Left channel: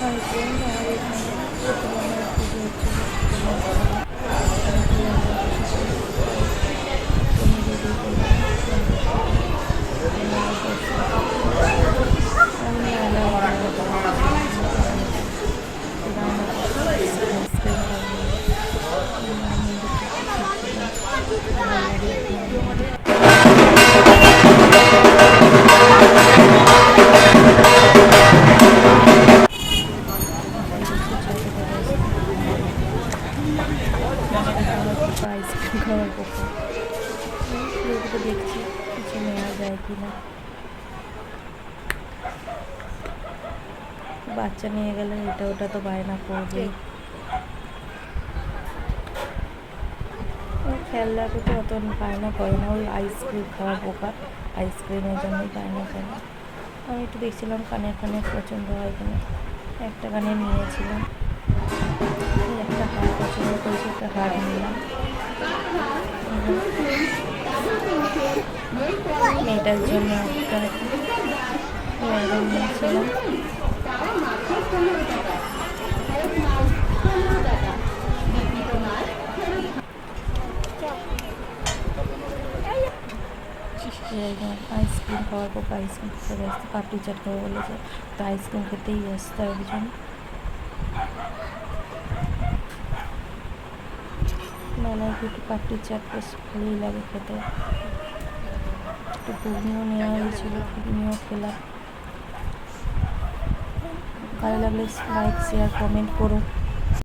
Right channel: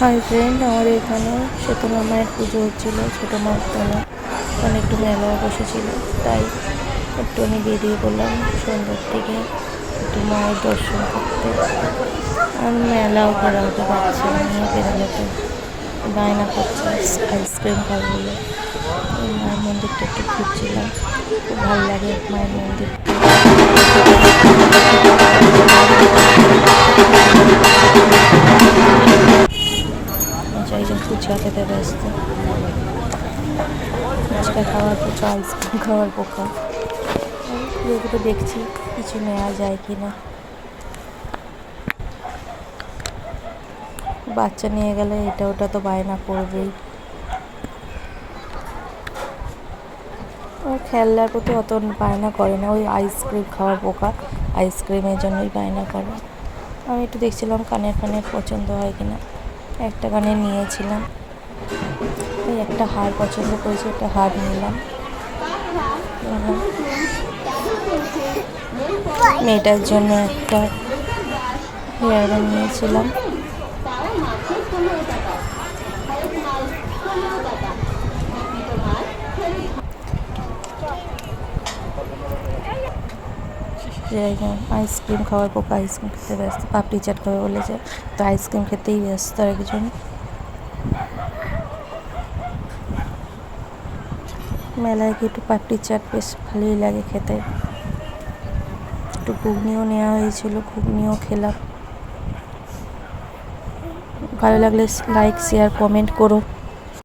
Hi friend, আমাদের এখানে সীতামা মায়ের পুজো হচ্ছিল। ছোটো মায়ের তলা ওখানে একটু মেলাও বসেছিল, তাই একটু আমি বেরিয়ে পড়লাম সন্ধ্যার দিকে একটু মায়ের দর্শন করতে। আমি মেলাও বেরোতে পারছি না, বেরোতে বায়না করছে আইসক্রিম খাবো বলে। মায়ের মন্দিরটা একটু ঘুরছিলাম, খুব ভালো লাগে মায়ের মন্দির। ফুচকা খেতে ব্যস্ত, ফুচকা খাওয়ার পোকা, আইসক্রিম খাওয়ার পোকা। এগুলো দেখছি কিছু নেওয়া যায় কি না। বাচ্চা নিয়ে গেলে এটা ওটা তো বায়না করবেই। খেলনার প্রতি অত বায়না করে না, ওই আইসক্রিম খাওয়ার পোকা, আইসক্রিমের জন্যই বায়না করে। আমি একটু দেখছিলাম কানের পছন্দ হয় কিনা, একটা কানের নিয়েছিলাম। ওই একটা হার পছন্দ করেছি, একটা হার নিলাম। মেয়েটার জন্য একটা হেয়ারব্যান্ড নিয়েছিলাম। আইসক্রিম খাওয়ার পোকা, আইসক্রিম খেতে ব্যস্ত। পাপড়ি চাট খাবে বলেছে, তো আইসক্রিম খেতেই ব্যস্ত একজন। মেলায় গিয়ে একটু পাপড়ি চাট বেশ ভালোই লাগে খেতে। একটু ঘুগনিও নেওয়া হয়েছিল, ঘুগনিও খেলাম। ভালো লাগলে লাইক, শেয়ার, কমেন্ট করো।